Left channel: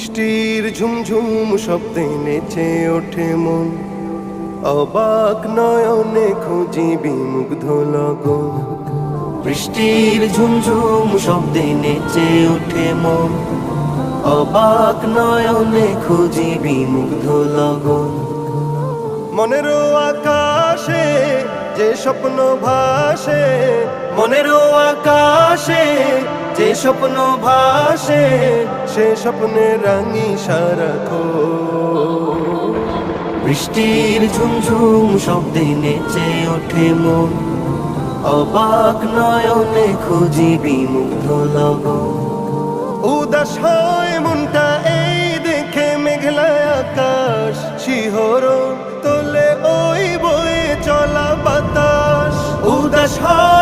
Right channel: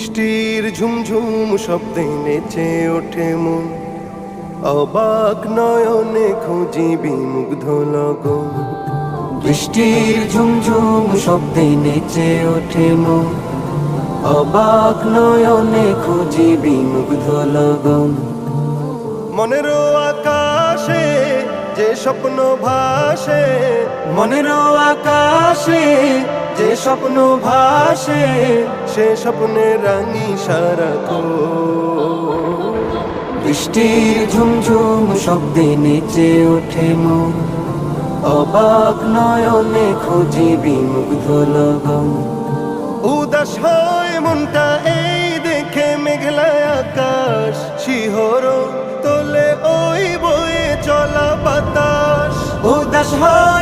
বৃষ্টির ঝুমঝুম শব্দে নেচে ওঠে মন, অবাক নয়নে খুঁজি বিমুগ্ধ লগন। বৃষ্টির ঝুমঝুম শব্দে নেচে ওঠে মন, অবাক নয়নে খুঁজি বিমুগ্ধ লগন। মনের আকাশে যে স্বপ্ন ভাসে, মনের আকাশে যে স্বপ্ন ভাসে, সে স্বপ্নে রাঙি সারাক্ষণ। বৃষ্টির ঝুমঝুম শব্দে নেচে ওঠে মন, অবাক নয়নে খুঁজি বিমুগ্ধ লগন। উদাস হয় মনটা এই দেখে মেঘলা আকাশ, শিহরণ তোলে ওই বয়ে চলা বাতাস। উদাস হয়